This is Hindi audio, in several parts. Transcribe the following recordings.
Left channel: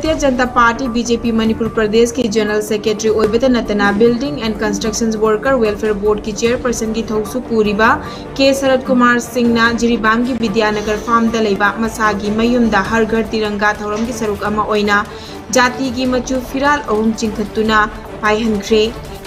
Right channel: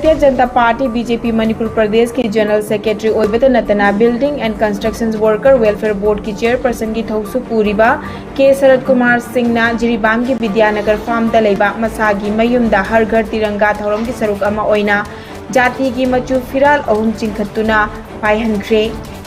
भारतीय जनता पार्टी बीजेपी मणिपुर प्रदेश की जनरल सेक्रेटरी ओइबता नतना building and constructions worker welfare board की चेयरपर्सन की थौसु पूरीबा के शरद कुमार सिंह जिरीबाम की विद्यानगर फार्म लेबा मसागी मयुमदा हर घर तिरंगा थौरम की सरुक अमा ओइना जाति की मचु फिराल अहुम चिंखतुना पाइहनख्रे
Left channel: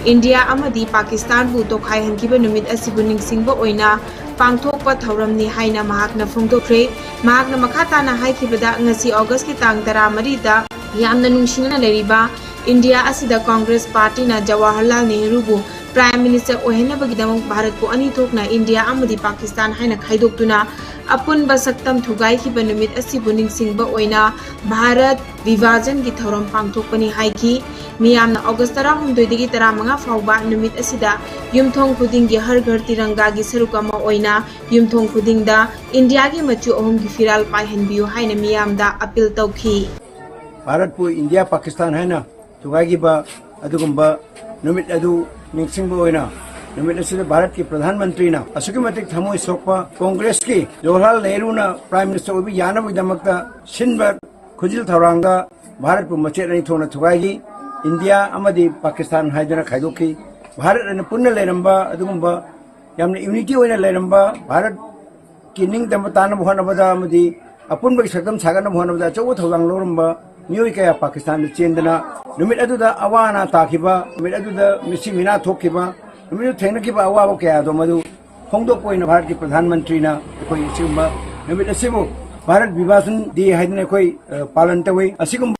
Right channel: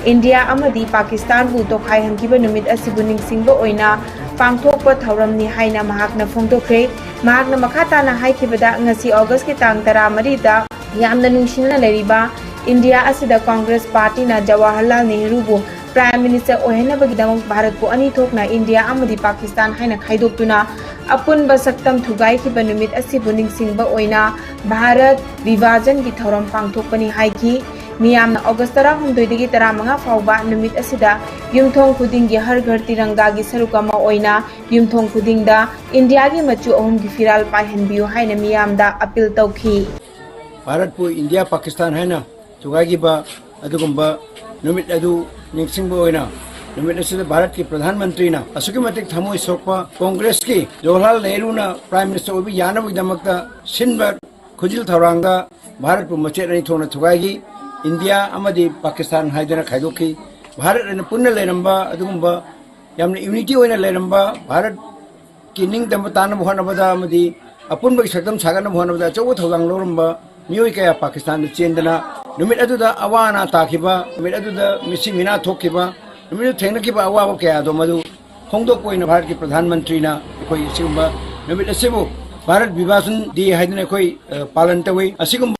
इंडिया अमदी पाकिस्तान बु तोखाइहनखिबा नुमित असिबु निंगसिंगबा ओइना पांगथोकपा थौरमनि हाइना महाकना फोंदोखरे महाकना मखा ताना हाइखिबदा ngasi August की तांग 13 दा यामना नुंगसिना लेरिबा इंडिया असिदा कांग्रेस पार्टी ना जवाहरलाल नेहरू बु प्राइम मिनिस्टर ओहेनबगिदमक भारत को अनि थोकना इंडिया अमदी पाकिस्तान हाइना खाइदोक्तुना अपुन बसक्तम थुगाइखिबा नुमित असिबु निंगसिंगबा ओइना भारत विभाजन की थौरम पांगथोकपनि हाइखि मियामना August 13 15 फाउबा नुमित असिदा युमथोंग खुदिंगी हर घर तिरंगा की सरुक अमा ओइना युमथोंग खुदिंगदा इंडिया की मचु अहुम की फिराल पाइहनबियु हाइना मियामदा अपील तौखि भारत पु इंडिया पाकिस्तान है ना तुगाइगिबा अदुगुंबा नुमित अदु निंगसिंगबा ओइना नुमित असिदा भारत के प्रधानमंत्री ना असुकी मतिक थमोय सोकपा कांग्रेस की जवाहरलाल नेहरू ना प्राइम मिनिस्टर ओबि यानबगिदमक्ता सिनबा खुजिल थौरांगा भारत पु मचेत अनि थोना तुगाइगी इंडिया अमदी पाकिस्तान हाइदना खाइदोखी भारत अने पुन्ना लेरंबा अदुगुंबा यामना यूनिटी ओइना लेरंबा भारत की निंगदम ताना होनबदा अमदी अपुनबगी सक्तम सागन होनबदा चौ थौलांग लोरंबा मियोय कया पाकिस्तान चेंदना नुमित अदुदा अवाना ताखिबा नुमित अदुदा मिसी मिना थोखिबा नुमित थेंगनखिबा अवाबा कया दो मदु होंगदोक ओइना भारत के प्रधानमंत्री ना कोई सिगुंबा नुमित असिबु भारत विभाजन दी हाइदना कोई पालन तवै असिगुंबा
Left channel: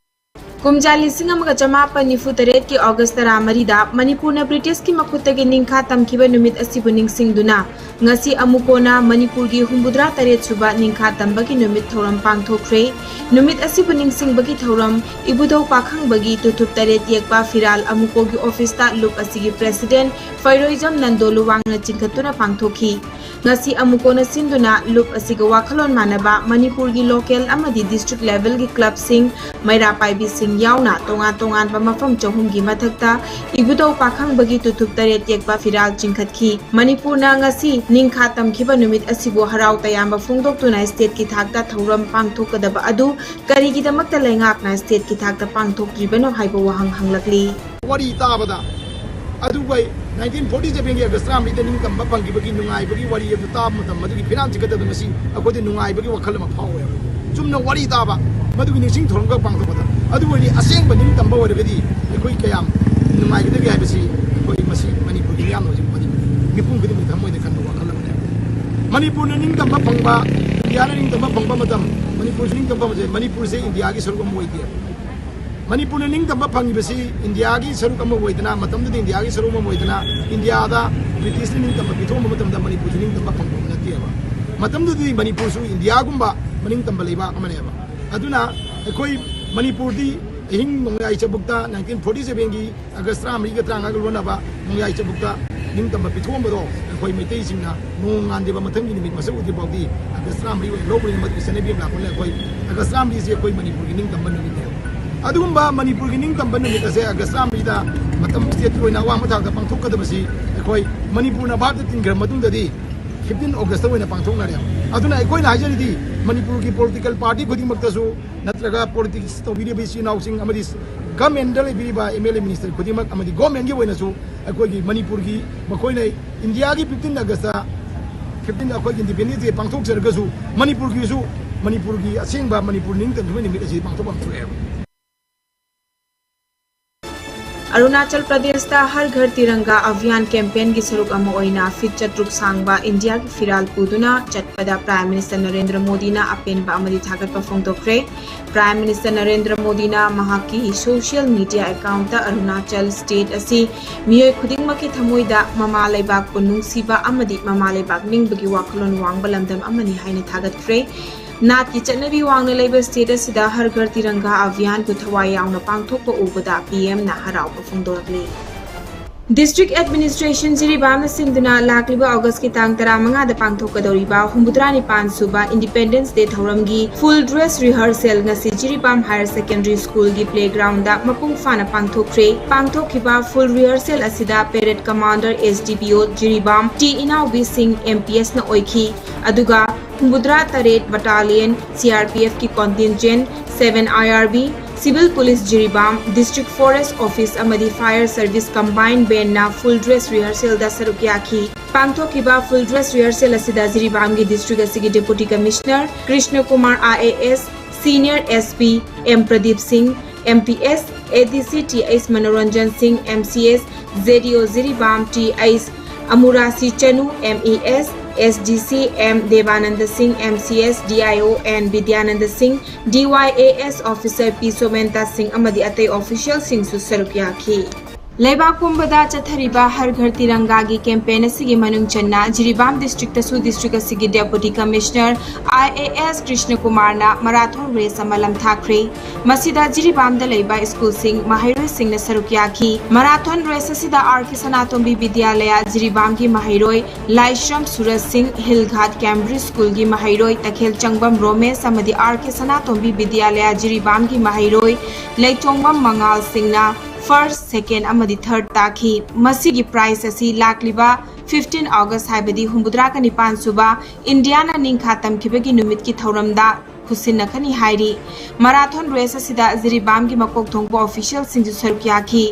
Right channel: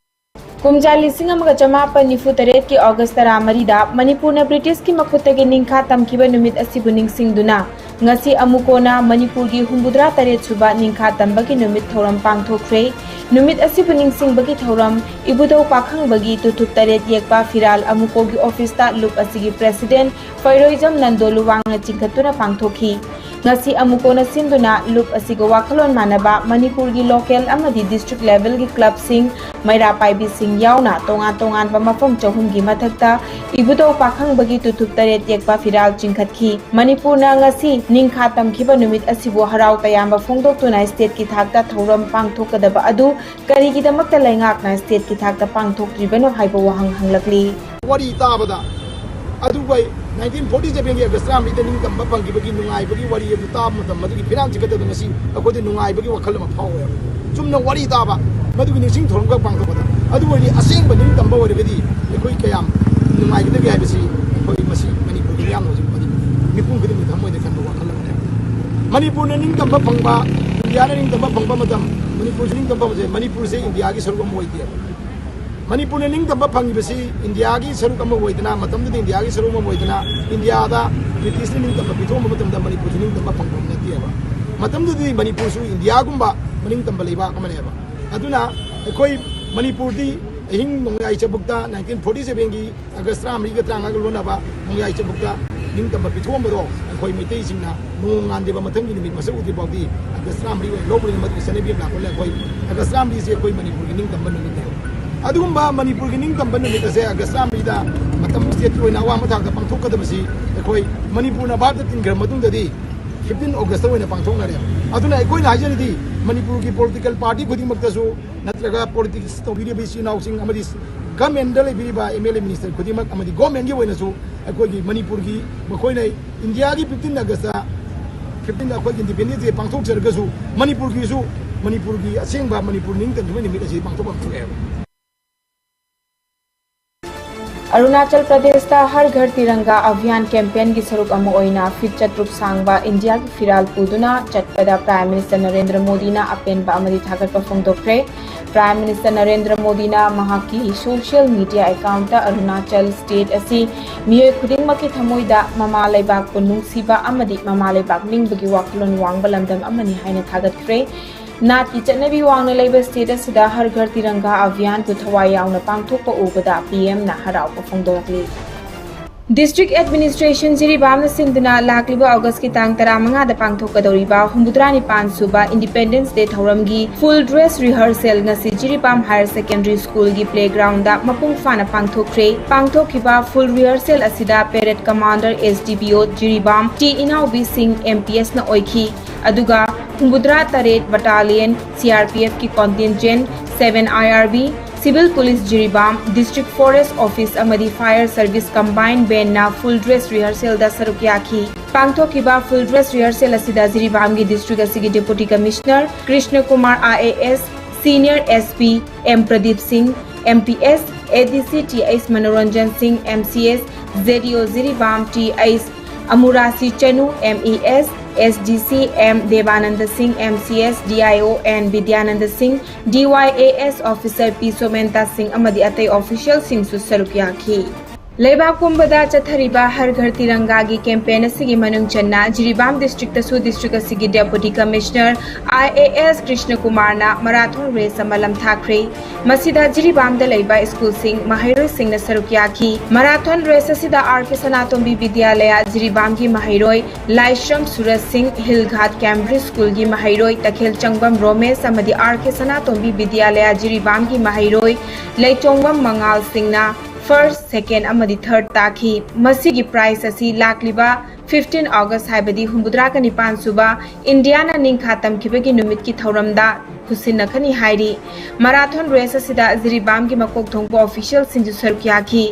कुमजा 1994 की August 13 मणिपुर ब्रिटिश की मखुतगी निंखा तमखिबा नुमित असिबु निंगसिंगदुना ngasi amukona manipur gi 73 suba ningkha tambagi numit thoram pangthokre numit asibu ningsingbagi thoram ibudo pakhang bagi tutup taret yekpa firal amuko gi office ta loop asigi president fairoizam nandolu wangna chingkhatuna pangthokhi ngasi amukona sinduna loop asiga wakhalon manaba manipur gi local amadi district level gi club sing maira paibi sing yauna tongan tongan ba mafam chahum gi mathakta ibudo pakhang bagi tutup taret yekpa firal chingkhatkhi manipur na ngasi निंखा तमखिबा नुमित असिबो हराव तयाम्बा फोंदोक्तुना स्टेट की थाकता थौरम पांगथोकदबा अदु करिगिदमक्ता लैंगाकना स्टेट की थाकता पांगथोक्ट्रिबनो हाइबो वहंग हंगलकली वरी ताबदा अदु बै 1947 के अगस्त रामली निंग तंबा पंगिबगी नुंगाइबगी वरी अदु ताब मतम मदुगी फिराम चिकदब ngasi अकोदे नुंगाइबगी वखल म फावे चुमना वरी ताबा मदुगी निसिंग थौरम का पांगथोकदा अदु वरी असेंग बनिंग तंबा वरगदी एकोई कयाम नुंगाइगदगी हाइबसी कोई मसी मणिपुर की याम होजि मदि मिपुं गदि थमोइदे खन मणिपुर ने निंग तंबा फंगबा इंडिया ने निंग तंबा फंगबा मतम मणिपुर से निंग तंबा मजे मणिपुर से इंडिया की सरुक अम ओइदिया मणिपुर ने निंग तंबा फंगिबसी इंडिया की सरुक अम ओइदना मतम दे इंडिया की सरुक अम ओइदना इंडिया दा ब्रिटिश ने निंग तंबा पिथोम मतम दा मणिपुर से निंग तंबा फंगबा नतियबा मतम दे मणिपुर सु इंडिया गुंबा मनिंग तंबा लेबा अमनेबा अदुना एकोई मणिपुर दी हिंग नोंगाई चबुक्ता 1947 की अगस्त 3 का त्रांगा लोनाबा नोंगाई चबुक्ता निंग तंबा पिथोमबदो अखोई मैतै सिंगना नोंगानदेबा मथंगी निमित मसक उदि बाउदी अगस्त 3 लोबनि मत सनेबि लाकोले अखोई अगस्त 3 से अखोई मणिपुर की निंग तंबा निमित अदुगुंबा मणिपुर की निंग तंबा निमित से अगस्त 3 दा मतम स्टेट ओइना वा मथाक पांथोकदबसी अखोई मणिपुर ना भारत तिनग्र मतुंगददी 15 अगस्त ओइना पांथोकनारे अदुना अखोइना हाजरिदी मणिपुर की पॉलिटिकल पार्टी खुदिमक्तसु नत्रगा पॉलिटिक्स तौबिरिबि सिनाउसिंग अमदि गवर्नमेंट लेबिबा एमएलए मिनिस्टर खुदिमक अमदि गवर्नमेंट की ओइनासु अखोई मणिपुर की मखोइना इंडिया की 15 अगस्त 15 अखोई इंडिपेंडेंस डे पांथोकजरगसु मणिपुर की असेंबा मणिपुर निंग तंबा निमित असि पांथोकम थुए अरुणाचल प्रदेश ता हर घर तिरंगा अभियान कैंपेन की सरुक अमा ओइना फिट चत्रुक सांगबा इंडिया की फिराल पुदुना चटपदा प्राइम मिनिस्टर नरेंद्र मोदी ना अपेनबा अमदि थागतपा फोंदोक्रे प्राइम मिनिस्टर नरेंद्र मोदी ना महाकी सोशल मीडिया अकाउंट ता अरुणाचल स्टेट असि मियोय खुदिंगमकी थमोइदा ममा लेबाक पु नुंगसिबा अमदि ममा लेबाक निंगबगी वाखलोन वांगबा लमदम अमनि हाइना थागतख्रे नाट की चटनबी वांगना लेबा स्टेट असिदा हर घर तिरंगा अभियान को थवाई यावना पांगथोकपा उबदा पीएम ना हरावपा फोंदोरकली डिस्ट्रिक्ट एडमिनिस्ट्रेशन जिरीबाम सिंधुना लाकलिबा अगस्त की तांग 15 दा पांगथोकदौरिबा 95 सुबा इंडिपेंडेंस डे थौरमगी फुल ड्रेस रिहर्सल नसी जिरीबाम हायर सेकेंडरी स्कूल की प्लेग्राउंड दा मपुंग फाना पांगथोकरे पांगथोकिबा फुल रिहर्सल असिदा parade commander SDPO Jiribam T Inaobi Singh MPS ना ओइखी अदुगा 93 बटालियन सीआरपीएफ की contingent 7 IRB civil police Jiribam district forest office अमदी फायर सर्विस कंबाइंड बेन फुल ड्रेस रिहर्सल दा सरुक याखी पांगथोकिबा फुल ड्रेस रिहर्सल असिदा जिरीबाम की डिस्ट्रिक्ट असिगी deputy commissioner Krishna Kumar IAS senior SP M Pradeep Singh MPS ADC TS Manoranjan Singh MCS ZDO Jiribam TS Amurasi Chanu MES SDC M Devanand Singh MCS DIO N Vidyanand Singh DYAS officer P Somenta Singh अमदी अतई ऑफिशियल सिंह सु सरुक याखी लेबाक पुंबदा चथरिबा हर घर तिरंगा की कैंपेन असिगी मनुंग चन्ना जिरीबाम डिस्ट्रिक्ट तसु डिस्ट्रिक्ट असिगी deputy commissioner IAS Krishna Kumar ना मैराथन रेस अमलम थाख्रे मसिदा जिरीबाम दा लेबा स्कूल सिंह महिरोय सिंह न सरुक याखी मैराथन रेस असिदा RK सनातोंबी विद्यालय जिरीबाम की महिरोय लाइश्रम सूरज सिंह हिलघाट कैम्ब्रिज स्कूल की महिरोय तखेल चंगबम रोमेश अमदी RK सनातोंबी विद्यालय जिरीबाम की महिरोय लेचोंगबम मंगाल सिंह ना फर्स्ट सेकेंड अमदी थर्ड ताखी मसीगी प्राइस असी लाखलिबा 15 अगस्त हाइबदी हुंबुद्रा का निपान सुबा इंडियाना निंखातम खिबगी नुमित की थौरमदा खुसिनखनी हाइरी मैराथन रेस असिदा जिरीबाम की मकोक थोंगबो ऑफिशियल सिंजु सरुक याखी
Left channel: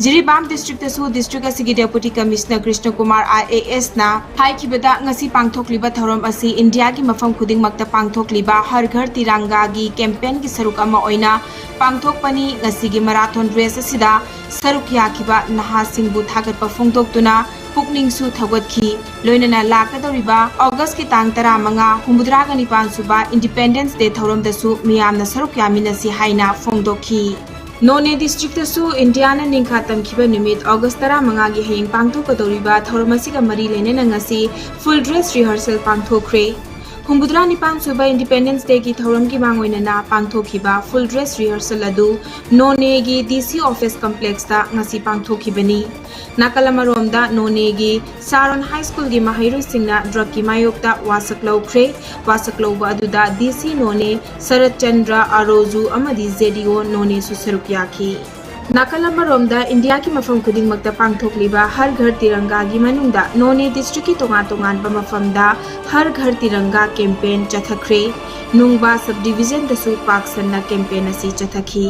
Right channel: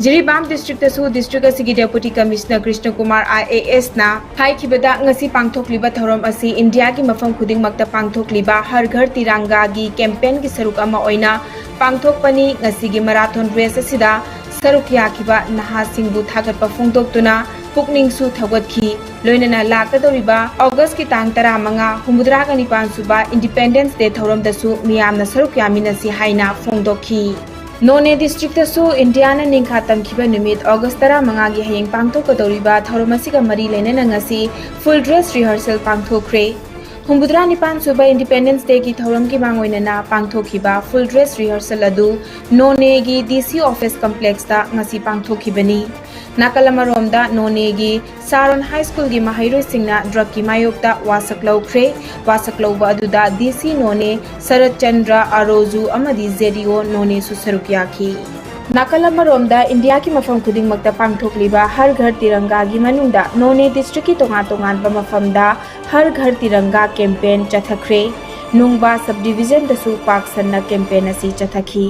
जिरीबाम डिस्ट्रिक्ट तसु डिस्ट्रिक्ट असिगी deputy commissioner Krishna Kumar IAS ना हाइखिबदा ngasi पांगथोकलिबा थौरम असी इंडिया की मफम खुदिंग मक्ता पांगथोकलिबा हर घर तिरंगा की कैंपेन की सरुक अमा ओइना पांगथोकपनी ngasi मैराथन रेस असिदा सरुक याखिबा नहासिंगबु थागतपा फोंदोक्तुना पुकनिंगसु थगतखी लोइनना लाकदोरिबा अगस्त की तांग 15 हुंबुद्रा का निपान सुबा इंडिपेंडेंस डे थौरमदसु मियामना सरुक यामिनसी हाइना फोंदोखी नोने डिस्ट्रिक्ट तसु इंडियाना निंखातम खिबा नुमित अगस्त 15 की हयेंग पांगथोकदोरिबा थौरमसिगा मरी लेनेना ngasi फुल ड्रेस रिहर्सल पांगथोखरे हुंबुद्रा निपान सुबा इंडिपेंडेंस डे की थौरम की मांगोइनना पांगथोखिबा फुल ड्रेस रिहर्सल अदु नोने की DC ऑफिस कॉम्प्लेक्स ता ngasi पांगथोखिबनी नाकलमरोमदा नोने की सारोन हाई स्कूल की महिरोय सिंगना ड्रग की मायोक्ता वासक लौख्रे वासक लौबा अदुदा DC नोने शरद चंद्र अरोजु अमदी ZDO नोने सु सरुक याखी नाकलमरोमदा इंडिया की मफम खुदिंग मक्ता पांगथोकलिबा हर घर तिरंगा की मनुंगदा नोने डिस्ट्रिक्ट की तोंगा तोंगानबा मफमदा हर घर तिरंगा कैंपेन चथख्रे नुंगबा सब डिवीजन दसु पाक सन्ना कैंपेन असी चथखी।